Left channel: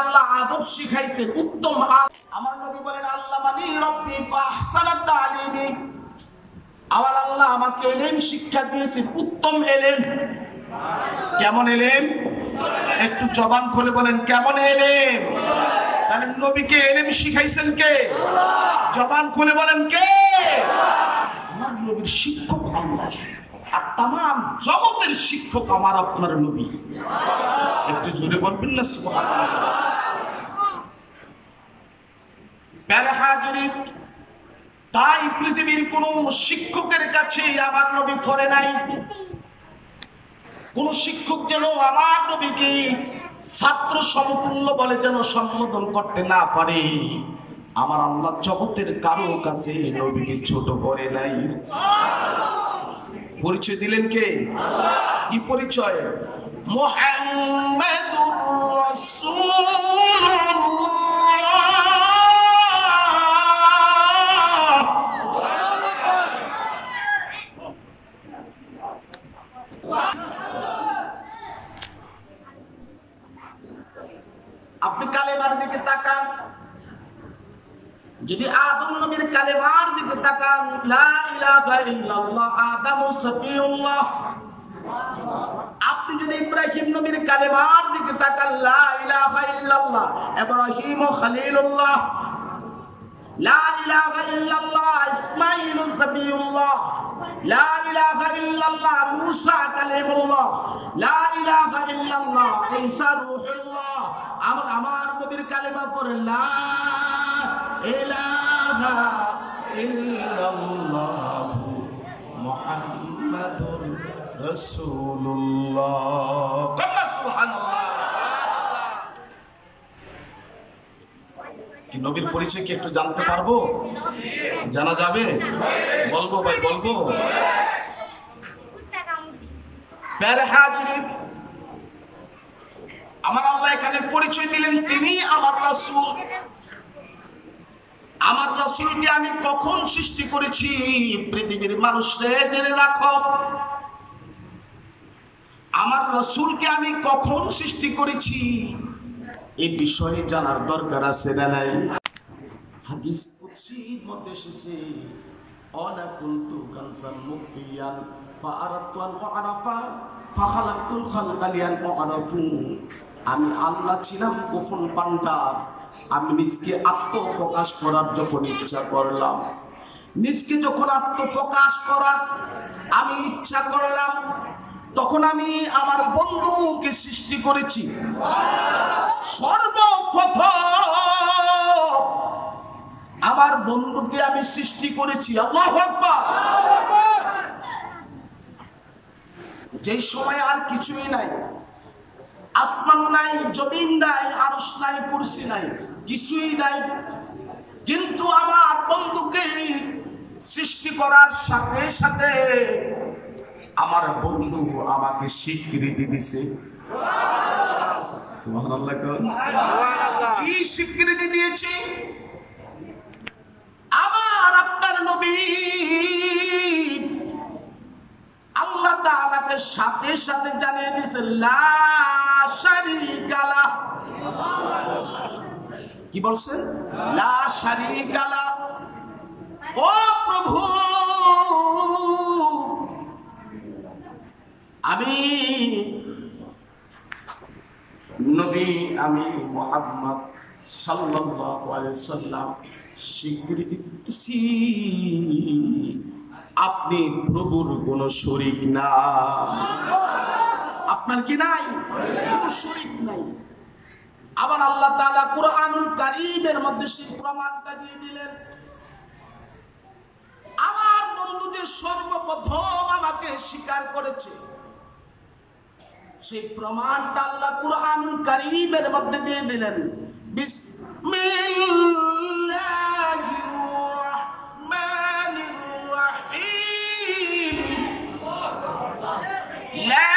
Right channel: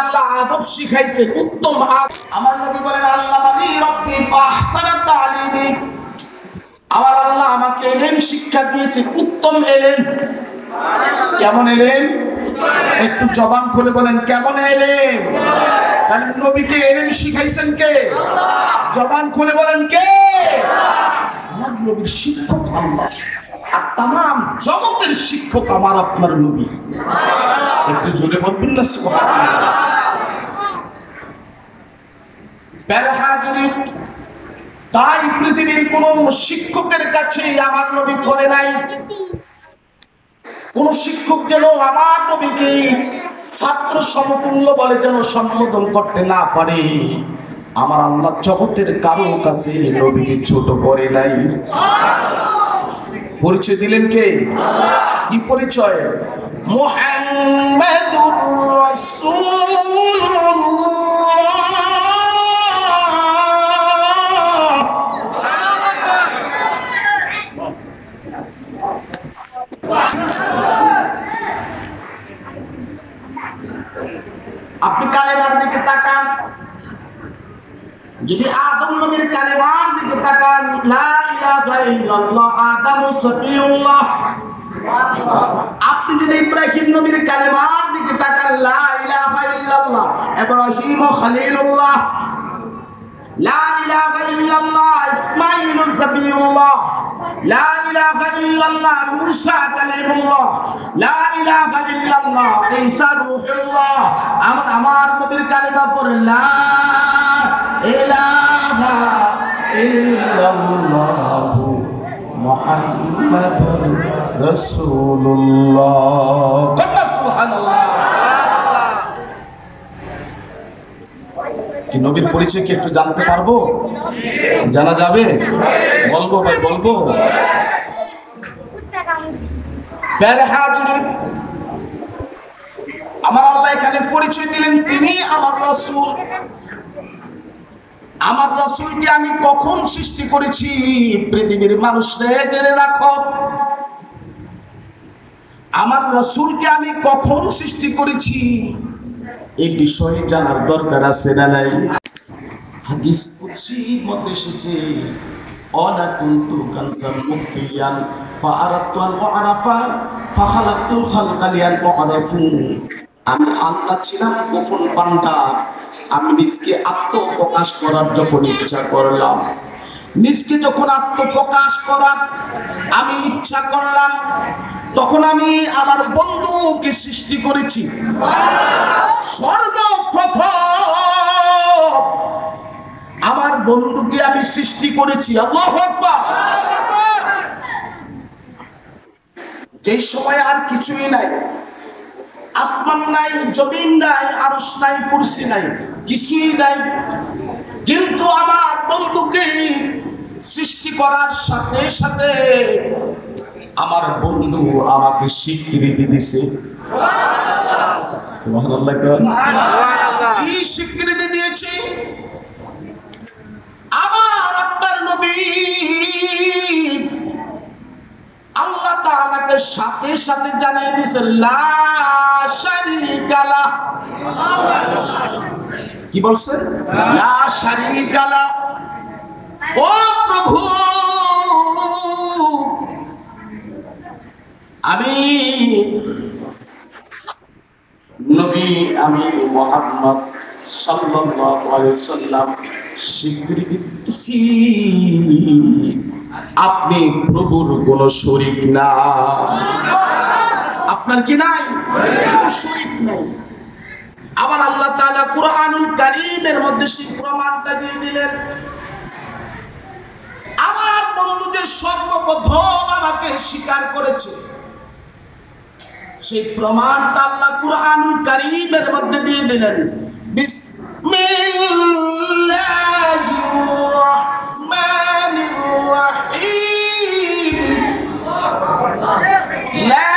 আল্লাহ আদব শিখাইছেন উত্তম আমার নবী বলেন আল্লামানি রাব্বি ফাহসানা তালিমি, আমার আল্লাহ আমাকে ইলম শিক্ষা দিয়েছেন উত্তম ইলম। কেমন ইলম? একটু জবান খুলে বলেন কেমন ইলম? তাহলে নবীকে ইলম শিখাইছেন কে? জবান খুলে বলেন কে? আমার নবীর শিক্ষক আল্লাহ, আর তাম জগতের শিক্ষক আমার আপনার নবী। একটু জোরে বলবেন না সুবহানাল্লাহ। তাই পৃথিবীর কোন শিক্ষকের কাছে আমার নবী করে নাই। কোন শিক্ষক যেন আমার নবীকে ছাত্র সমতুল্য বলে যেন সম্বোধন করতে না পারে। আমার আল্লাহ জগতের কারো কাছে নবীকে ছোট করে নাই। পরিচয় দিলেন কে? কি পরিচয়? মুহাম্মাদুর রাসূলুল্লাহ। আপনি কালেমার দিকে তাকান, যদি আদম নবীর কালেমার দিকে তাকান, লা ইলাহা ইল্লাল্লাহ আদামু সফিউল্লাহ। আপনি যদি ইব্রাহিম নবীর কালেমার দিকে তাকান, লা ইলাহা ইল্লাল্লাহ ইব্রাহিম খলিলুল্লাহ। লা ইলাহা ইল্লাল্লাহ ইসমাঈল সফিউল্লাহ। লা ইলাহা ইল্লাল্লাহ মূসা কালিমুল্লাহ। লা ইলাহা ইল্লাল্লাহ ঈসা রূহুল্লাহ। আমার নবীর কালেমা পড়ে লা ইলাহা ইল্লাল্লাহ মুহাম্মাদুর রাসূলুল্লাহ। সুবহানাল্লাহ। কি নবীর পরিচয় কি একটু জানতে পারবো? জানা যাবে? বলবো ভাই বলবো। আমার আল্লাহ এখানে পরিচয় দিলেন তিনি আমার রাসূল। আমার রাসূলকে আমি কখন সৃষ্টি করেছি পৃথিবীর মানুষরা জেনে রাখো। আমার রাসূলকে আমি কখন সৃষ্টি করেছি এই বিষয়ে জানার দরকার আছে না নাই? হাদিস কুদসির মধ্যে এসেছে অলা কুনতু কানসান মুখফিয়ান ফাআরাতু আন উআরাফা ফাখালাকতুল খালকা লিয়ান উআরাফু। আমি আল্লাহ ছিলাম গোপন ভান্ডার, আমি নিজকে আত্মপ্রকাশ করার যখন ইচ্ছা করলাম, নিজকে যখন আত্মপ্রকাশ করার আমি ইচ্ছা করলাম, তখন আমি আমার বন্ধুকে সৃষ্টি করেছি। সর্বপ্রথম আমার বন্ধুকে আমি সৃষ্টি করেছি। আল্লাহু আকবার। যেই সময় আর কিছুই নাই, আসমান নাই, জমিন নাই, আরশ নাই, কুরসি নাই, কিছুই নাই, কিন্তু আমার বন্ধুকে সৃষ্টি করার সাথে সাথে আমার বন্ধু আমাকে স্বীকৃতি দিছে। সুবহানাল্লাহ। কি স্বীকৃতি দিয়েছে? আমার আপনার নবী আল্লাহ তাআলাকে সাথে সাথে জানিয়ে দিয়েছে লা শারীকা লাহ। কি বলছেন? লা শারীকা লাহ। ও প্রভু, আমি নবী, আমি মুহাম্মদ সাল্লাল্লাহু আলাইহি সাল্লাম স্বীকৃতি দিচ্ছি আপনি প্রভুর কোন শরীক না। আপনার কি নাই? কোন শরীক নাই। আবার আল্লাহ তাআলা কুরআনুল কারীমের মধ্যে সেই প্রমাণটা দিয়ে দিলেন। আমার বন্ধু যে সর্বপ্রথম আমাকে স্বীকার করেছে সেই প্রমাণটা আল্লাহ কুরআনুল কারীমের মধ্যে দিয়ে দিলেন। বিসমিল্লাহির রাহমানির রাহিম। লা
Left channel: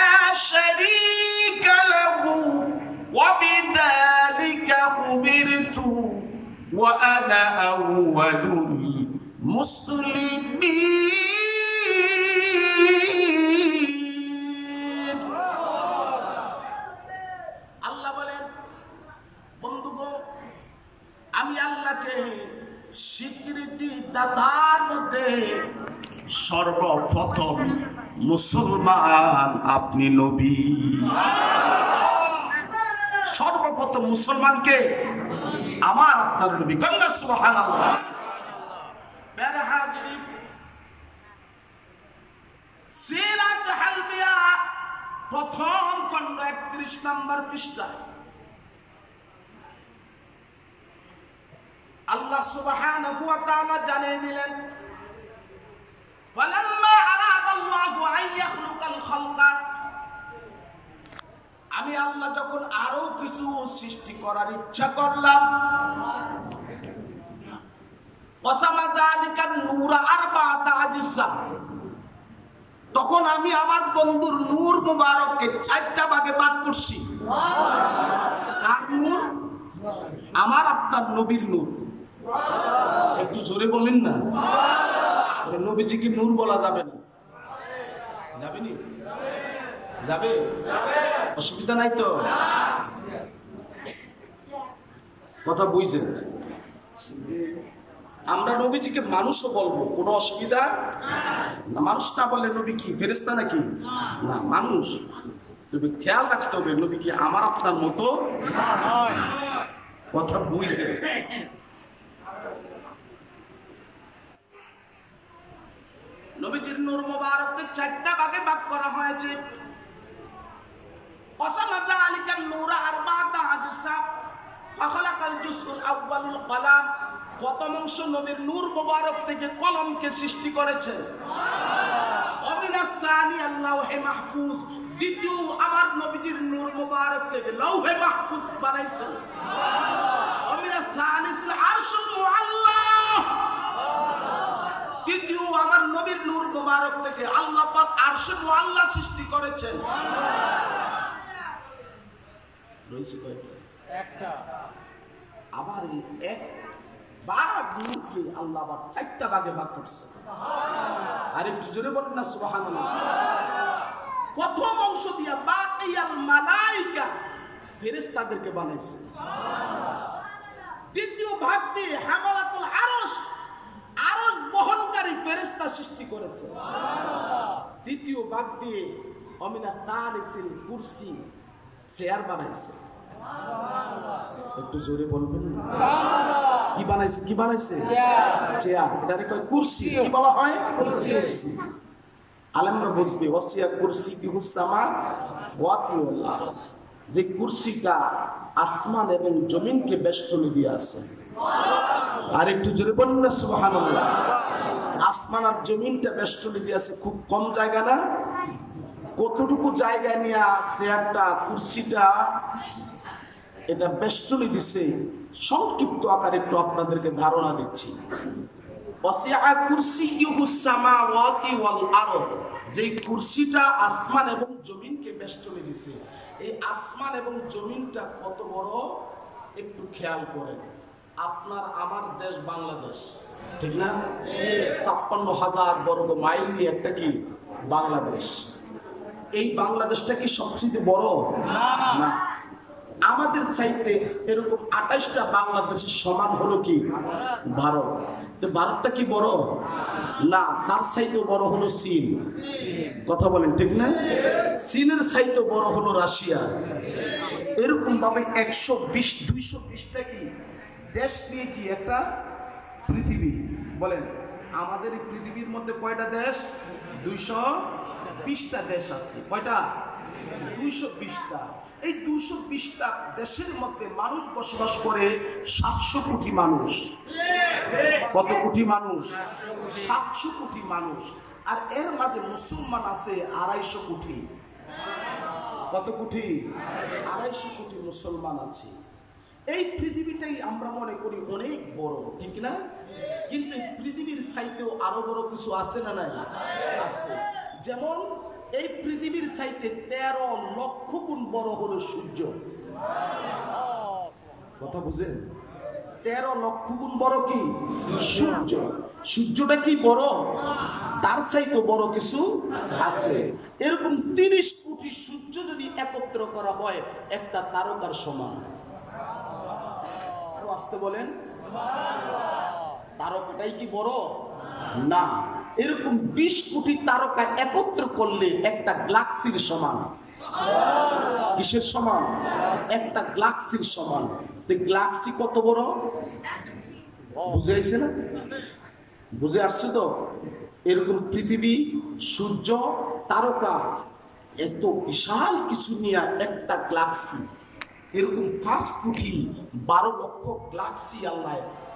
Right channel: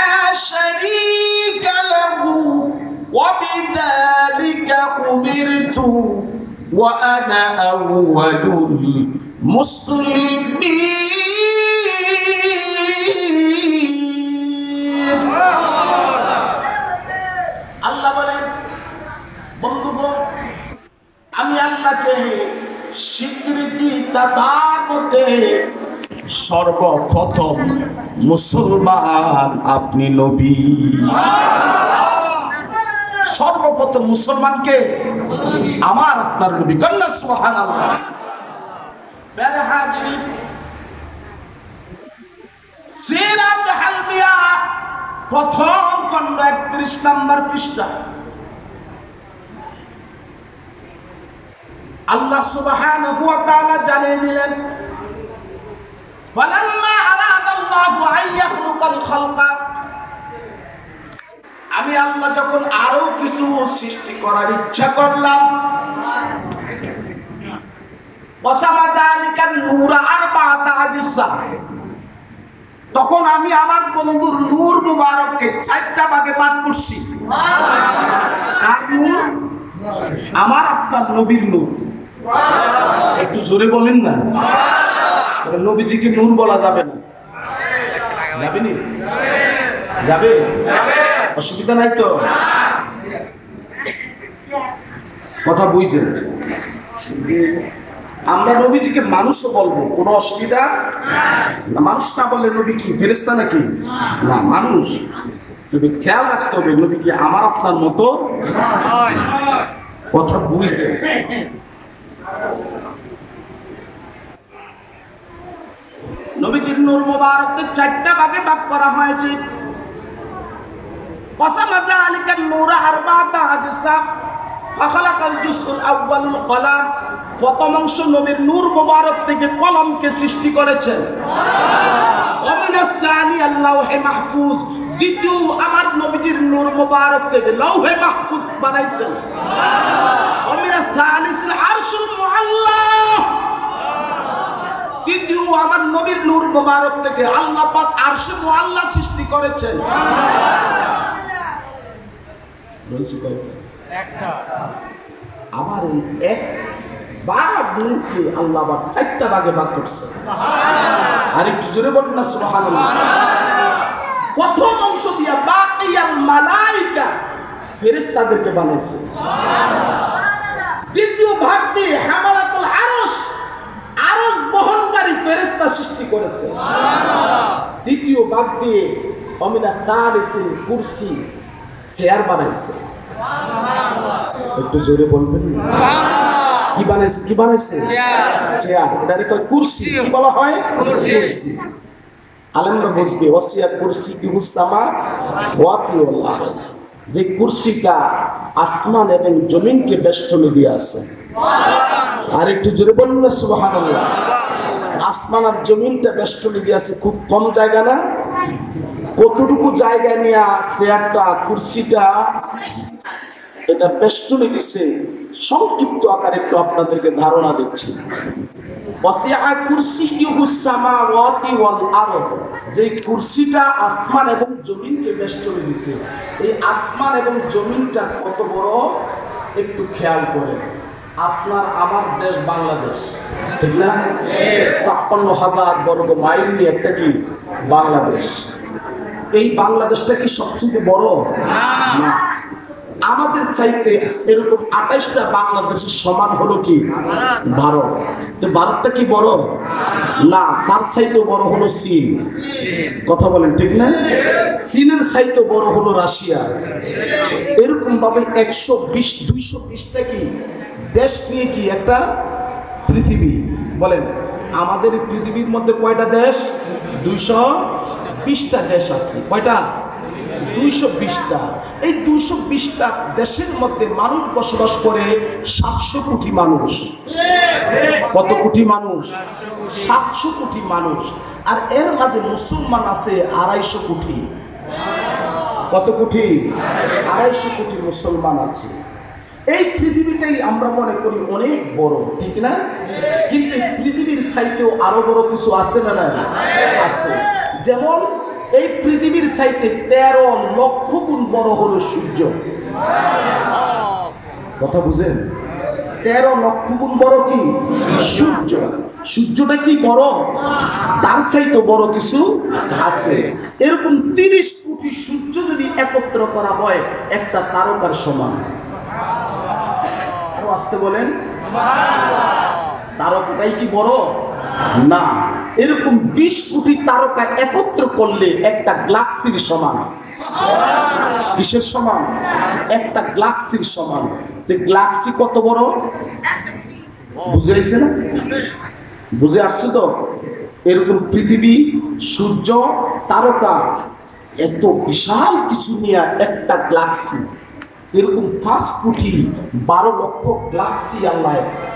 শারীকা লাহু ওয়া বিযালিকা উমিরতু ওয়া আনা আউওয়ালুল মুসলিমিন। বন্ধুগণ, আমি আল্লাহকে স্বীকৃতি দাতার মধ্যে সর্বপ্রথম মুসলমান আপনি নবী। সর্বপ্রথম মুসলমানকে আমার আপনার নবী। কন্যা সুবহানাল্লাহ। প্যারে হাজির, সিরাত আল-আনবিয়া প্রথম খণ্ড 31 নম্বর পৃষ্ঠা। আল্লাহ সুবহানাহু ওয়া তাআলা জানিয়ে দিলেন, ওয়ালাম্মা আরাদাল্লাহু আন ইয়াখলুকাল খালকা, আমি আল্লাহ যখন আরো কিছু সৃষ্টি করার ইচ্ছা করলাম, ওয়াসামা যালিকান নূরা আরবাআতা আজসা, তখন আমি আমার বন্ধুর নূর মুবারককে 4টা ভাগে ভাগ করছি। কার নূর? আমার আপনার নবীর নূর। একটু জোরে বলেন না। নবীজিকে নূর বলা যাবে না? যাবে নি? যাবে? অসুবিধা নাই তো? কথা বুঝছেন? আমরা নবীজিকে মানুষও বলবো, কোনো অসুবিধা না। মানুষ না বললে নবী কি ফেরেশতা নাকি? না, মানুষ। তবে খেয়াল রাখতে হবে, নবী কি আমার আপনার মতো? কথা বুঝছেন? নবীজির নূর মুবারককে 4টা ভাগে ভাগ করা হয়েছে। ওয়াসামা যালিকান নূরা আরবাআতা আজসা, ফাখালাকাল জুসউল আউয়ালুল কলাম, প্রথম অংশ নবীর নূর মুবারক থেকে কলমকে সৃষ্টি করেছেন। ওয়া মিনাস সানি আল-লাওহে মাহফুজ, দ্বিতীয় আমার নবীজির নূর মুবারক থেকে লৌহে মাহফুজ বানাইছেন। ওয়া মিনাস সালিসিল আরশুল মুআল্লা, তৃতীয় আমার নবীর নূর মুবারক থেকে আল্লাহ পাক আরশে মুআল্লা সৃষ্টি করেছেন। আবার এই এক ভাগ নূরকে আল্লাহ আবার 4টা ভাগে ভাগ করছে। আর একটু জোরে বলুন না সুবহানাল্লাহ। প্রথম অংশ দিয়া বাকিয়াল মালায়েকা, ফেরেশতাদেরকে বানাইছে। দ্বিতীয় ভাগ দিয়ে হামালাতুল আরশ, আরশ বহনকারী ফেরেশতা সৃষ্টি করেছে। তৃতীয় ভাগ দিয়ে অমিনা তারিসিল কুরসি, চেয়ার বানাইছে। একটু জোরে বলবেন না? কি বানাইছে? কি বানাইছে? চেয়ার। এটারে কয় কুরসি। কি বলা হয়? কুরসি। আলেমরা বুঝবে, ওয়াসিয়া কুরসি কি হুসামা ওয়াতি ওয়াল আরদ, যে কুরসিটা আসমান এবং জমিনকে বেষ্টনী দিয়ে আছে। আর একটু জোরে বলুন না সুবহানাল্লাহ। আসমান আর জমিনটা বেষ্টনী দিয়ে আছে, খুব কম জায়গা না? কতটুকু জায়গা নিয়ে চেয়ারটা, কুরসিটা এটা বেষ্টনী দিছে, সংক্ষিপ্ত আকারে একটু আপনাদেরকে ধারণা দিচ্ছি। ওয়াসিআ কুরসিয়ুহুস সামাওয়াতি ওয়াল আরদ, যে কুরসিটা আসমান এবং জমিনকে বেষ্টনী দিছে। এই আসমান এবং জমিনটা কত বড় একটু খেয়াল করেন। আপনার আমার দেশ বাংলাদেশ, ঠিক না? ৫৬,০০০ বর্গ মাইল নিয়ে একটা কি বাংলাদেশ। এই বাংলাদেশটা কি সবচেয়ে বড়? না। আমাদের চাইতে এরকম ২৮টা বাংলাদেশের সমান হলো কি ভারত। তো ভারতটা কি বড়? না, তার চাইতেও বড় হলো চীন। কথা বলেন ঠিক না? চীনের চাইতেও বড় হলো রাশিয়া। এরকম ভাবে ১২০-২২০টা কি দেশ নিয়ে কি একটা পৃথিবী। বলেন, আমাদের এই পৃথিবীর মধ্যে কয়টা দেশ? ২২০টা দেশ আছে। কয়টা? ২২০টা। এই ২২০টা দেশের মধ্যে মানুষ বসবাস করে ৭০০ কোটি মানুষ। কত কোটি মানুষ? ৭০০ কোটি মানুষ। আর এর মাঝে মুসলমান আছে ২৫০ কোটি। কত কোটি? ২৫০ কোটি মুসলমান আছে। এই পৃথিবীটাই আমরা মনে করি অনেক বড়, ঠিক না? কিন্তু পৃথিবীর চাইতেও আরো বড় কিছু আছে না? না আছে। যেমন এই পৃথিবীর চাইতে ১৩ লক্ষ গুণ বড় হলো সূর্য। কথা বুঝেন? ১৩ লক্ষ গুণ বড় কি সূর্য। সূর্যটা কি বড়? তার চাইতে বড় কিছু আছে। এরকম ৩০ কোটি সূর্য যদি একত্র করা হয় একটা তারকার সমান। আসতে বলেন। তারকাটাই কি বড় না? এরকম 20 কোটি তারকা একত্র করলে একটা গ্যালাক্সির সমান। কিসের সমান? একটা গ্যালাক্সির সমান। গ্যালাক্সি কত বড় বুঝে আসছে না? বুঝে আসছে তো? এরকম পৃথিবী, সূর্য, তারকা, এত বিশাল কিছু নিয়ে একটা গ্যালাক্সি। এরকম 5 কোটি 12 লক্ষ গ্যালাক্সি আল্লাহ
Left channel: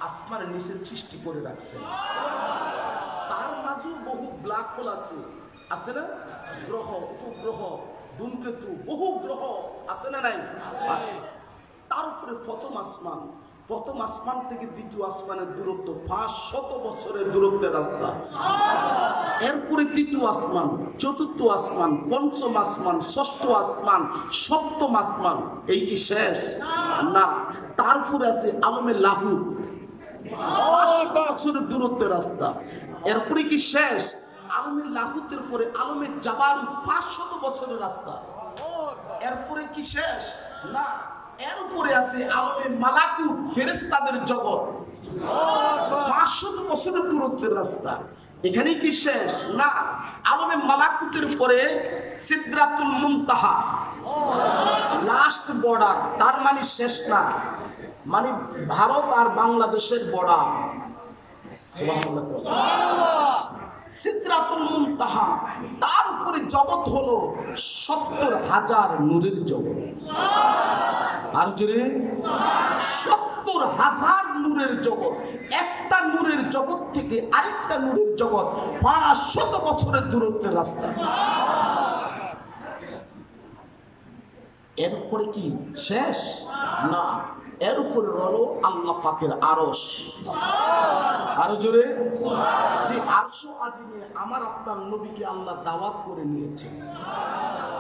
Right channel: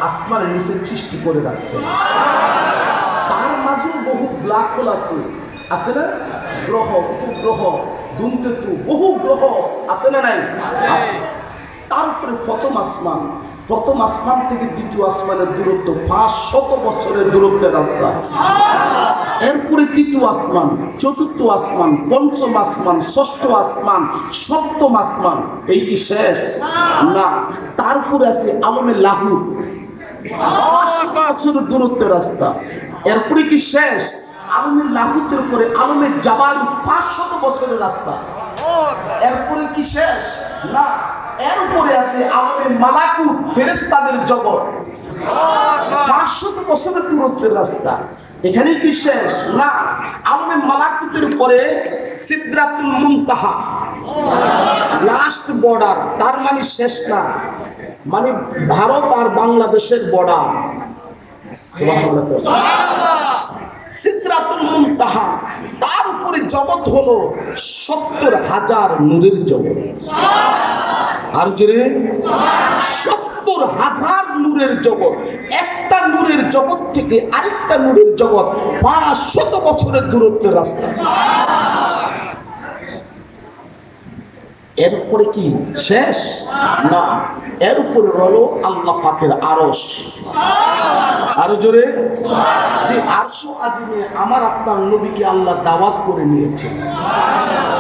আসমানের নিচে সৃষ্টি করে রাখছে। তার মাঝে বহু ব্ল্যাক হোল আছে না? গ্রহ, উপগ্রহ, ধূমকেতু, বহু গ্রহ আছে না নাই? আছে। তারপরে প্রথম আসমান থেকে দ্বিতীয় আসমানের দূরত্ব 500 বছরের দূরত্বের রাস্তা। এরপরে তৃতীয় আসমান, চতুর্থ আসমান, পঞ্চম আসমান, ষষ্ঠ আসমান, সপ্তম আসমান। এই কি শেষ? না। তারপরে আছে আলমে লাহুত, 10 বছরের দূরত্বের রাস্তা। এরপরে কি শেষ? আলমে লাহুতের পরে আলমে জাবাল, 500 বছরের রাস্তা। এরপরে কি শেষ? না। এরপরে আছে আলমে মালাকুত, ফেরেশতাদের জগৎ, 500 বছরের দূরত্বের রাস্তা। এখানে কি শেষ? না। আলমে মালাকুতের পরে সিদরাতুল মুনতাহা, লাস্ট বর্ডার। তার মানে শেষ না, মানে ভারত আর বাংলাদেশের বর্ডার। সিদরাতুল মুনতাহা। তার উপরে জগৎ হলো 70,000 নূরের জগৎ। আর জোরে 70,000 নূরের জগৎ। একটা নূরের জগৎ থেকে আরেকটা নূরের জগৎ 500 বছরের দূরত্বের রাস্তা। এরপরে কি শেষ? না। এরপরে হলো আল্লাহ পাকের আরশ। আরো জোরে, যে আরশ আজিমে আমার আপনার নবীকে আল্লাহ দাওয়াত করে নিয়েছে।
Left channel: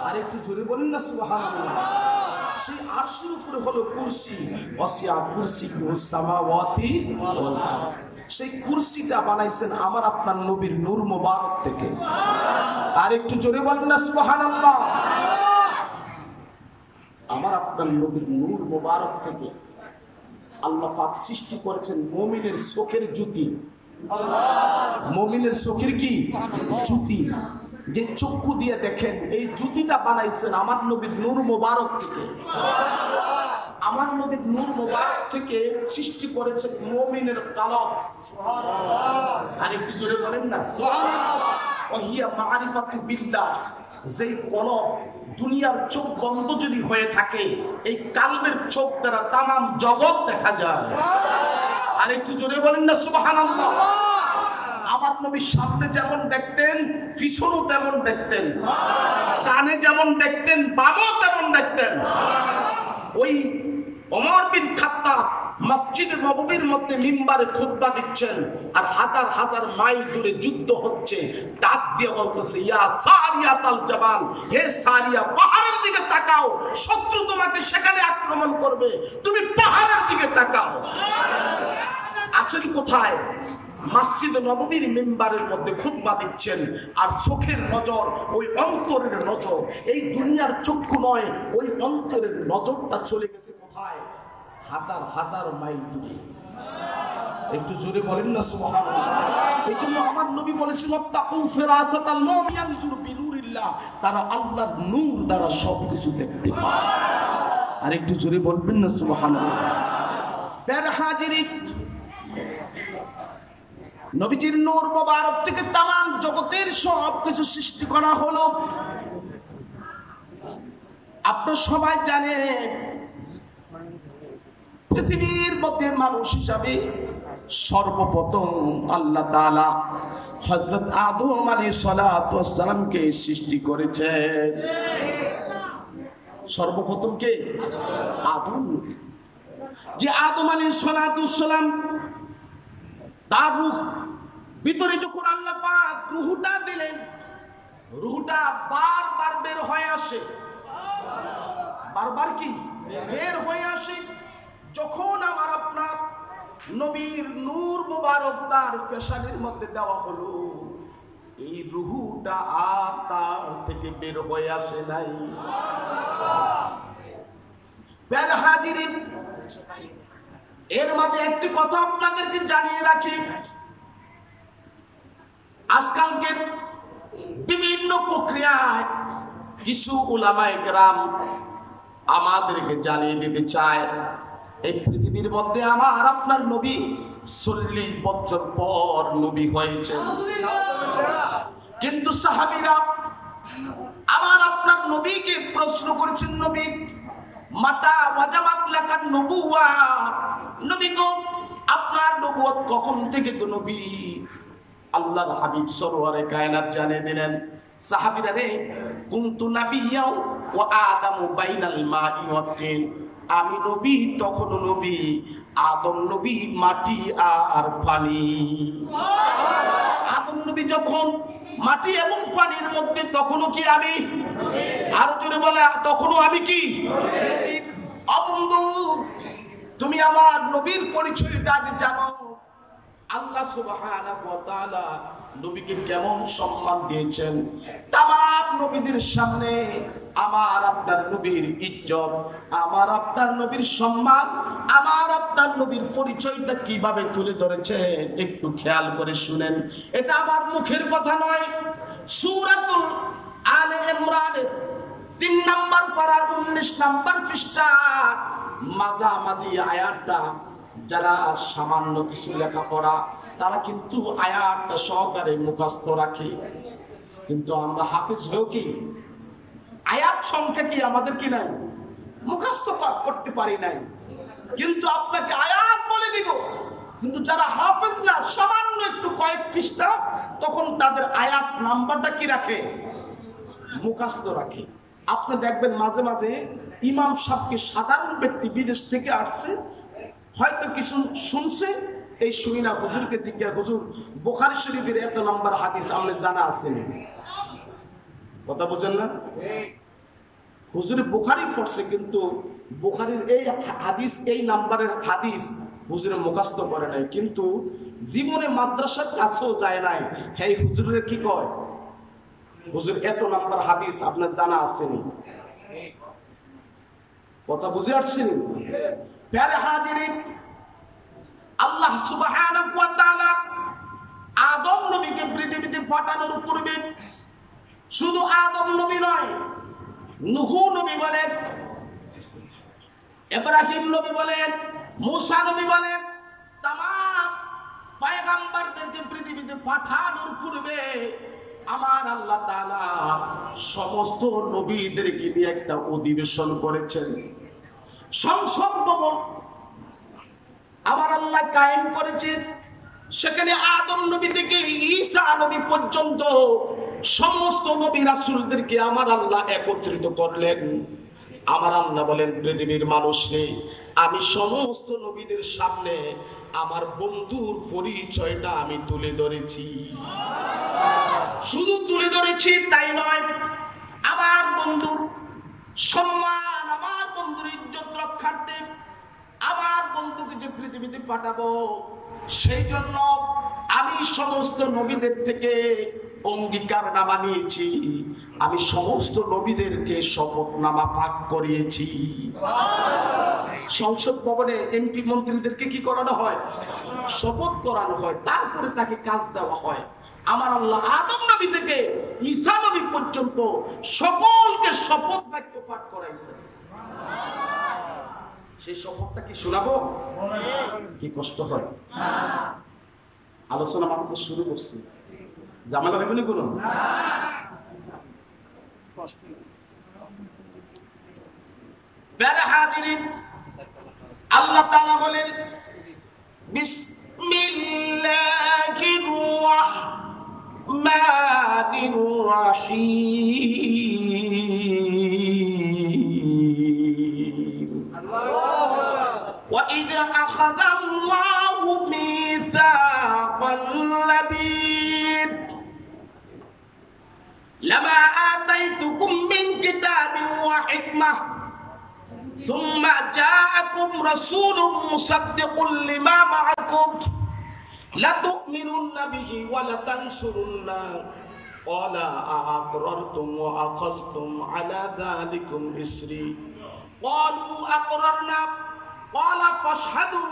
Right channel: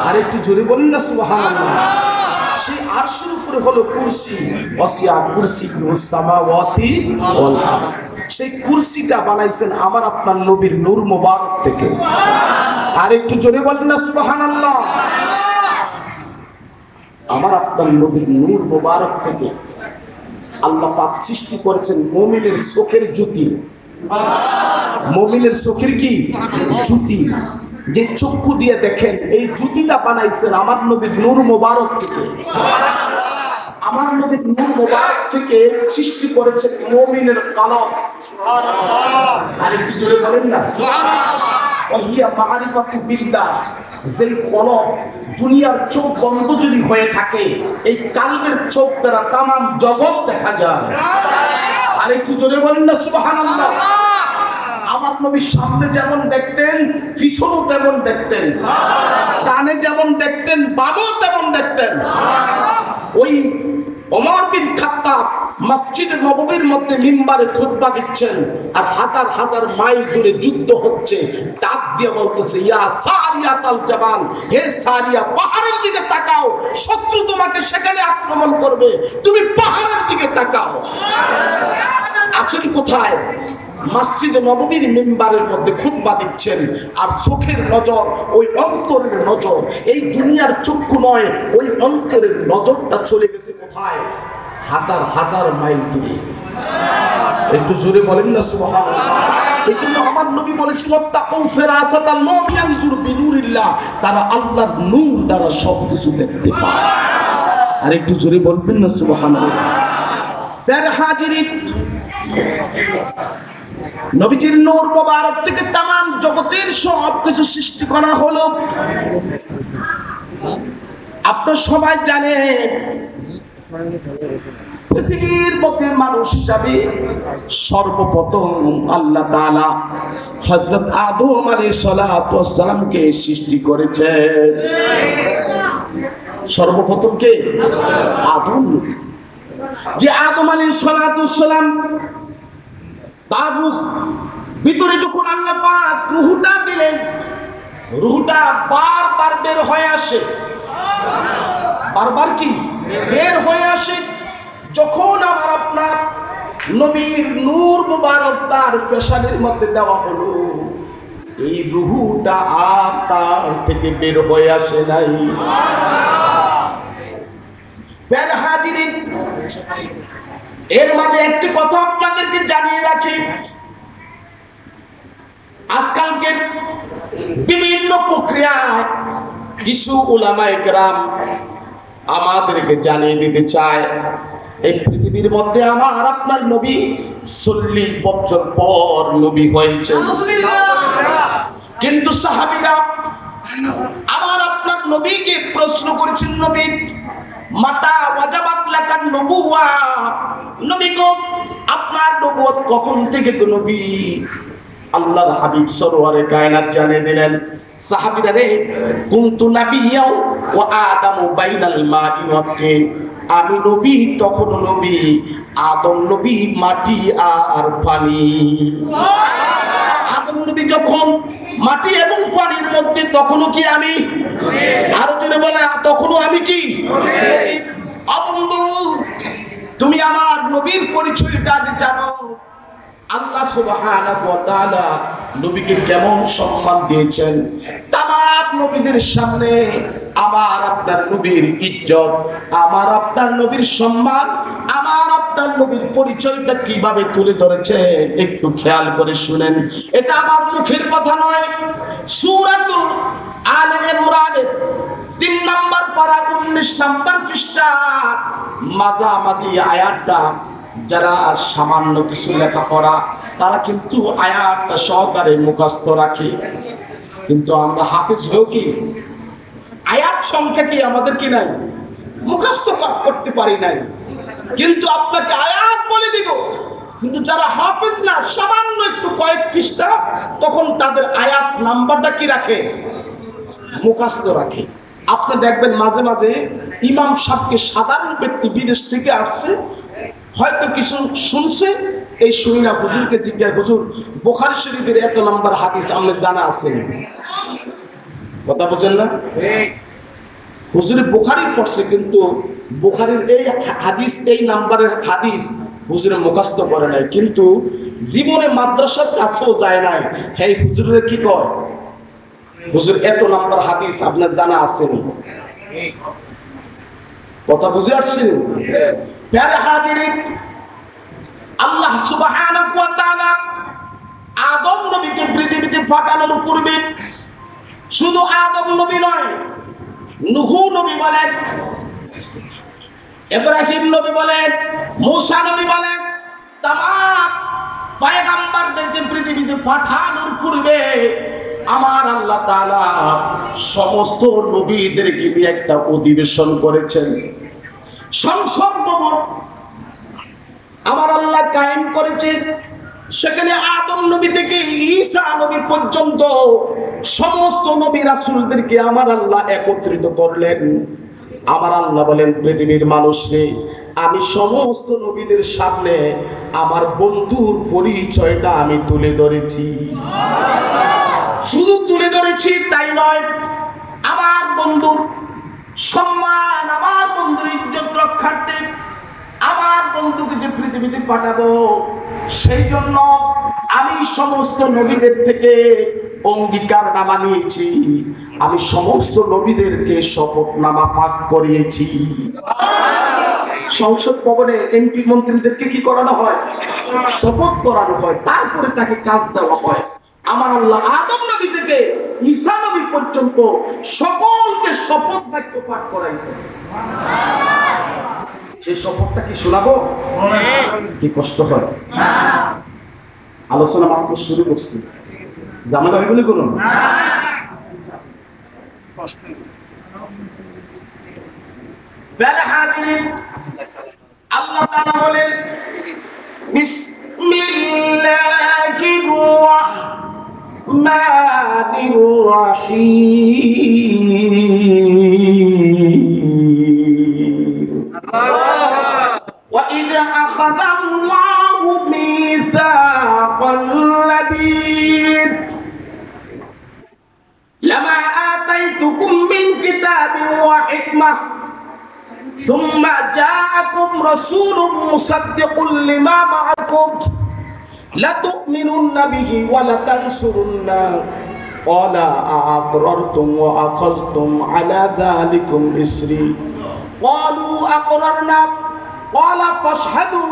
আর একটু জোরে বলেন না সুবহানাল্লাহ। সেই আরশের উপরে হলো কুরসি, ওয়াসিয়া কুরসিয়ুস সামাওয়াতি ওয়াল আরদ। সেই কুরসিটা বানাইছেন আমার আপনার নবীর নূর মোবারক থেকে। আর একটু জোরে বলেন না সুবহানাল্লাহ। আমার আপনার নবীর নূর মোবারক থেকে আল্লাহ পাক সৃষ্টি করেছেন মুমিনের চোখের জ্যোতি। মুমিনের চোখের কি জ্যোতি? যে চক্ষু দিয়ে দেখেন, এই জ্যোতিটা বানাইছেন আমার নবীর নূর মোবারক থেকে। আমার নবীর নূর মোবারক থেকে সৃষ্টি করেছেন মুমিনের কলব। আর একটু জোরে বলেন না সুবহানাল্লাহ। ওহিয়া মারিফাতু বিল্লাহ। যেই কলব, দুনিয়ার চোখ বন্ধ যদি হয়ে থাকে, এই কালবের চোখ দ্বারা তামাম জগৎ দেখা যায়। আর একটু জোরে বলেন না সুবহানাল্লাহ। আমার নবী সামনে যেমন দেখতেন, পিছনও তেমন দেখতেন, ডানে যেমন দেখতেন, বামও তেমন দেখতেন। ওই ওমর বিন খাত্তাব মসজিদে নববীর মধ্যে মিম্বারে খুতবা দিচ্ছেন, আর হাজার হাজার মাইল দূরে যুদ্ধ হচ্ছে। ডাক দিয়ে বলতেছে, ইয়া সারিয়াতাল জাবাল, হে সারিয়া, পাহাড়ের দিকে তাকাও, শত্রু তোমাকে সেখানে আক্রমণ করবে, তুমি পাহাড়ের দিকে তাকাও। আছেন কোথায়? মসজিদে নববীর মিম্বারের মধ্যে খুতবা দিচ্ছেন, আর চোখের নজর ওই অন্তরের নজর। এই দুনিয়ার চক্ষু নয়, ওই অন্তরের নজরটা চলে গেছে কোথায়? হাজার হাজার মাইল দূরে। একটু জোরে বলেন না সুবহানাল্লাহ। এই জন্য আমার নবী বলেছিল, তাকু ফিরাসাতাল মুমিন ইয়ানজুর বিনুরিল্লাহ। তারা আল্লাহর নূর দ্বারা সবকিছু দেখতে পায়। আর একটু জোরে বলবেন না সুবহানাল্লাহ। প্যার হাজিরিন, নবীজির নূর মোবারক থেকে তামাম জগতের সব কিছু সৃষ্টি করা হলো। আপনারা সবাই জানেন, পৃথিবীর মধ্যে মানুষ হিসাবে সর্বপ্রথম আল্লাহ তাআলা হযরত আদম আলাইহিস সালাতু ওয়াস সালামকে সৃষ্টি করেছেন। সর্বপ্রথম কে? আদম। যে আদম আলাইহিস সালাতু ওয়াস সালাম, তার রূহ ভিতরে যখন আল্লাহ পাক রূহটা দিলেন, রূহটা বারবার বের হয়ে আসে। বারবার কি বের হয়ে আসে? যখন আমার আপনার নবীর নূর মুবারক তার পেশাবের মধ্যে দেওয়া হলো, এই রূহটা আর তার থেকে বের হয়ে আসে নাই। প্যার হাজিরিন, এর মাঝে একটি কথা আপনাদেরকে জানিয়ে রাখি, আজকালকে বিভিন্ন প্রক্রিয়ায় কিছু উলামায়ে কেরাম আমাদেরকে জানিয়ে দিতে চায় এই পৃথিবীর মধ্যে আমার আপনার নবী 40 বছর পর নবী হয়েছেন। কিন্তু সাহাবীরা আমার আপনার নবীকে প্রশ্ন করেছেন, নবী মাতা ওয়াজাবাত লাকান নবুওয়া, নবী গো আপনার নবুয়ত কখন থেকে গো নবী? আল্লাহর হাবিব সরওয়ারে কায়নাত জানিয়ে দিলেন, সাহাবীরা রে, কুনতু নাবিয়্যা ওয়া আদামু বাইনাল মাই ওয়া তিন, আমি নবী তখন নবী, আদম নবী মাটি আর পানি। আদম নবী যখন মাটি এবং পানির মধ্যে, তখনও কি আমি? আরো জোরে বলে, তখনও আমি কি? বন্ধু, তুমি আমার নবীর পরিচয়টা আগে জানো। আল্লাহ সুবহানাহু ওয়া তাআলা নবীকে কেমন সম্মান দিয়েছেন। তামাম নবীদের সামনে আমার আপনার নবীর ইজ্জত, আমার আপনার নবীর সম্মান, আমার আপনার নবীর পরিচয়টা কিভাবে তুলে ধরেছে একটু খেয়াল করে শুনেন। এটা আমার মুখের কথা নয়, সূরাতুল আলে ইমরানের 3 নম্বর পারা 19 নম্বর পৃষ্ঠা মাঝামাঝি আয়াতটা, যারা সামান্য কিছু লেখাপড়া তারা কিন্তু আয়াতটা সহকারে মুখস্থ রাখে, কিন্তু আমরা হাফেজ হয়েও কি আয়াত সংখ্যা কি আমাদের কি নাই? মুখস্থ করতে পারি নাই। কিন্তু আপনাকে আয়াত বলে দিব, কিন্তু যারা হাফেজ না, সামান্য একটু কয়েক পৃষ্ঠা, তখন তাদের আয়াত নাম্বারটা কি রাখে? মুখস্থ রাখে। আপনি দেখবেন মাঝে মাঝে ইমাম সাহেবকে সাধারণ ব্যক্তি বিদেশ থেকে আসছে, হয়তো কিছু শুনছে, এই শুনি না হুজুরকে জিজ্ঞাসা, হুজুর বুখারী শরীফের এত নম্বর হাদিস আমাদের জানা আছে? কথা বুঝেন না? হুজুরে বুখারী পড়ছে, কিন্তু বুখারীর এই হাদিস, এই নাম্বারের হাদিস হুজুরে মুখস্থ করে নাই, কিন্তু জীবনে মাদ্রাসার কাছেও যায় নাই। এই হুজুরের কি কয়, হুজুর এত নাম্বার হাদিস আপনার জানা আছে? কথা বুঝে আসছেন? প্যারে হাজিরিন, আল্লাহ সুবহানাহু ওয়া তাআলা আদম নবীকে পৃথিবীতে পাঠানোর পূর্বে শুধু আদম নবী নয়, নূহ নবী বলেন, ইব্রাহিম নবী বলেন, মূসা নবী বলেন, তামাম পয়গম্বরদেরকে পৃথিবীতে পাঠানোর পূর্বে আমার আল্লাহ তাআলা সমস্ত নবীদেরকে নিয়ে একটা অধিবেশন করেছেন, সংসদ ভবন আমার আল্লাহ কায়েম করেছেন। সেখানে আদম নবী থেকে ঈসা নবী পর্যন্ত সমস্ত নবী রাসূলদেরকে আমার আল্লাহ একত্রিত করলেন। আমার আল্লাহ বলেন, পৃথিবীর মানুষরে, আমি সমস্ত নবীদের সামনে আমার বন্ধুর পরিচয়টা আমি তুলে ধরেছি। শুধু তুলে ধরেছি তাই নয়, আমার বন্ধুর সম্মান, আমার বন্ধুর ইজ্জত রক্ষার্থে আমার বন্ধুকে যে পৃথিবীতে পাঠাবো, সেই জন্য আমি সমস্ত নবীদের থেকে অঙ্গীকারনামা নিয়েছি, আমি সমস্ত নবীদেরকে শপথনামা পাঠ করিয়েছি। সংসদ ভবনে এমপি মন্ত্রীদেরকে কি করানো হয়? শপথ করানো হয়, তারপরে তাকে কাজ দেওয়া হয়। আমার আল্লাহ আদম নবী থেকে ঈসা নবী পর্যন্ত সকলকে শপথ বাক্য পাঠ করাইছে। সেই শপথটা কি শোনাবো? কি কষ্ট হয়? আলোচনা মাত্র শুরু করছি, জামালা হইব না কোনো? আল্লাহ তাআলা বলেন, বিসমিল্লাহির রাহমানির রহিম। وَإِذْ أَخَذَ اللَّهُ مِيثَاقَ النَّبِيِّينَ لَمَا آتَيْتُكُم مِّن كِتَابٍ وَحِكْمَةٍ ثُمَّ جَاءَكُمْ رَسُولٌ مُصَدِّقٌ لِّمَا مَعَكُمْ لَتُؤْمِنُنَّ بِهِ وَلَتَنصُرُنَّهُ قَالَ أَأَقْرَرْتُمْ وَأَخَذْتُمْ عَلَى ذَلِكُمْ إِصْرِي قَالُوا أَقْرَرْنَا ক্বালা ফাশহাদু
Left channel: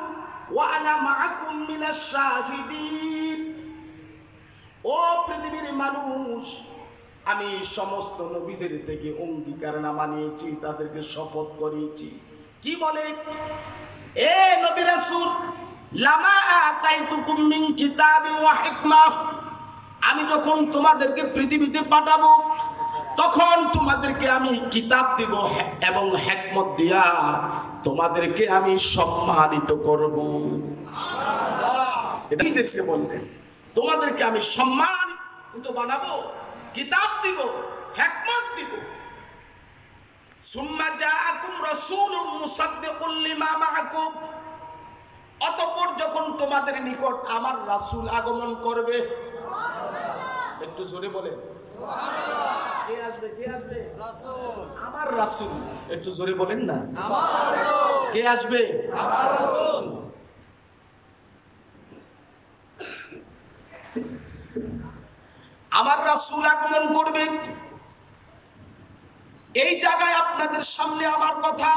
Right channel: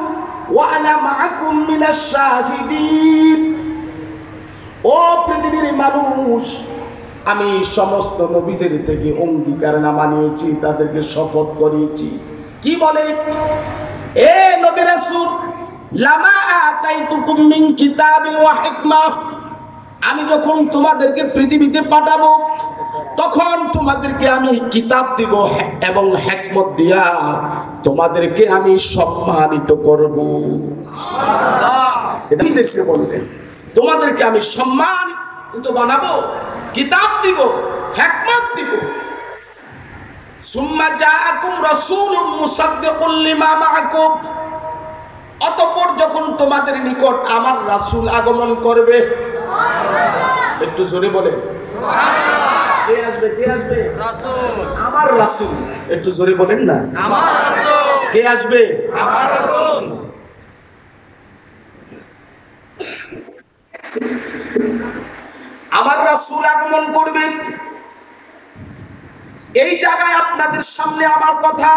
ওয়া আনা মাআকুম মিনাশ শাহিদিন। ও পৃথিবীর মানুষ, আমি সমস্ত নবীদের থেকে অঙ্গীকারনামা নিয়েছি, তাদেরকে শপথ করিয়েছি। কি বলে? এ নবী রাসূল, লামা আতাইতুকুম মিন কিতাবিন ওয়া হিকমাহ, আমি যখন তোমাদেরকে পৃথিবীতে পাঠাবো তখন তোমাদেরকে আমি কিতাব দিব এবং হিকমত দিয়া তোমাদেরকে আমি সম্মানিত করব। এটা দেখতে বললেন, তোমাদেরকে আমি সম্মানিত বানাবো, কিতাব দিব, হিকমত দিব। সুম্মা জাআকুম রাসূলুম মুসাদ্দিকুল লিমা মাআকুম, অতঃপর যখন তোমাদের নিকট আমার রাসূল আগমন করবে, একটু জোরে বলে কে আসবে? কে আসবে? রাসূল। আমার রাসূল। একটু জোরে বলেন না, আমার রাসূল। কে আসবে? আমার রাসূল। আমার রাসূল আগমন করবে। এই জায়গায় আপনাদের সামনে আমার কথা,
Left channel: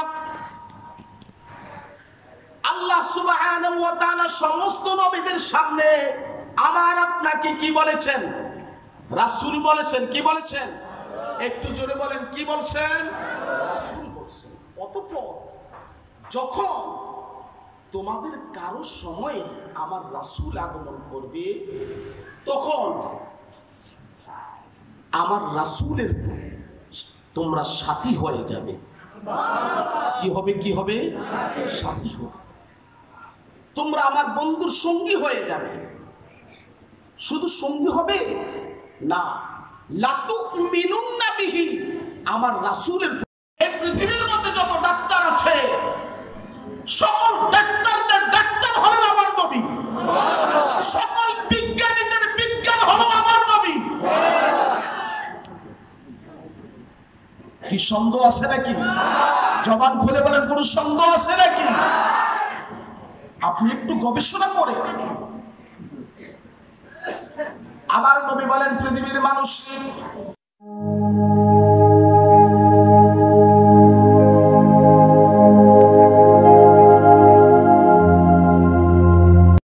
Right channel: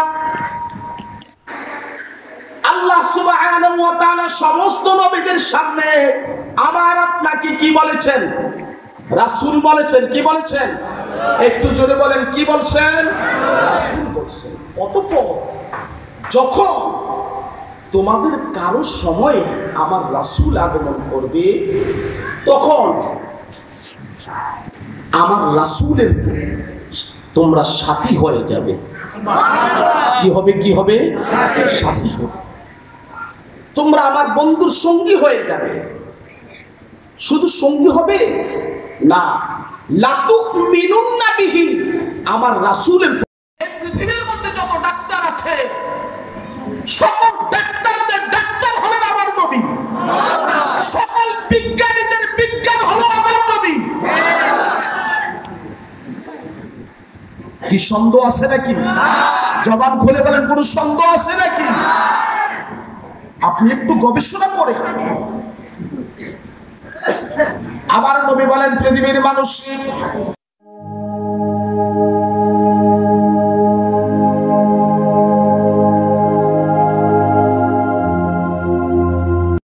আল্লাহ সুবহানাহু ওয়া তাআলা সমস্ত নবীদের সামনে আমার আপনাকে কি বলেছেন? রাসূল বলেছেন। কি বলেছেন? একটু জোরে বলেন, কি বলছেন? রাসূল বলছেন। অতঃপর যখন তোমাদের কারো সময়ে আমার রাসূল আগমন করবে, তখন আমার রাসূলের তোমরা সাথী হয়ে যাবে। কি হবে? কি হবে? সাথী হবে। তোমরা আমার বন্ধুর সঙ্গী হয়ে যাবে। শুধু সঙ্গী হবে না, লাতুমিনুন্না বিহি, আমার রাসূলের। এই পৃথিবীর মধ্যে যত ডাক্তার আছে, সকল ডাক্তারদের ডাক্তার হলেন আমার নবী। সকল বিজ্ঞানীদের বিজ্ঞান হলো আমার নবী। কি সন্দেহ আছে নাকি? জবান খুলে বলেন, কোন সন্দেহ আছে নাকি? আপনি একটু গবেষণা করে। আমার নবী বলেন, পৃথিবীর মানুষ